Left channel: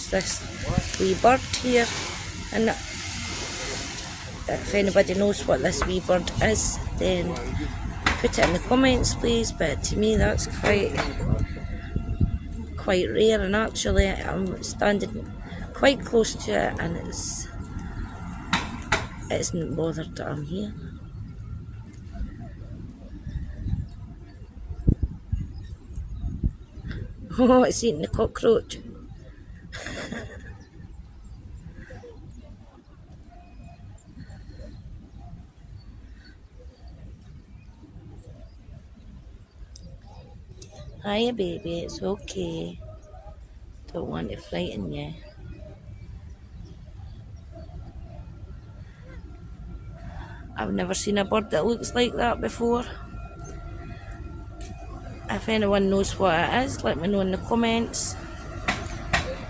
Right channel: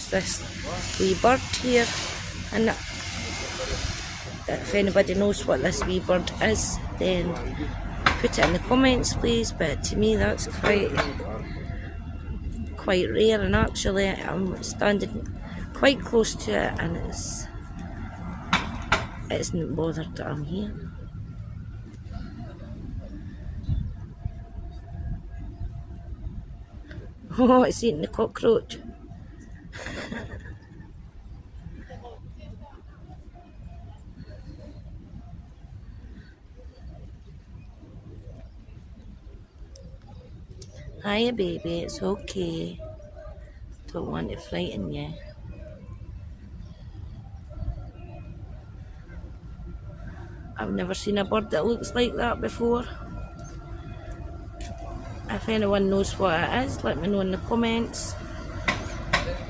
It's this wee bird here, and if anybody knows what this wee bird is, then put it in the comments please, but to me that's quite rare, and actually I'm standing quite close to it and it isn't bothered that I'm here. Oh, it's eating the cockroach. Hiya baby, it's okay. Don't want to frighten you. I've never seen a bird that looks like that before. If anyone knows what it is, let me know in the comments.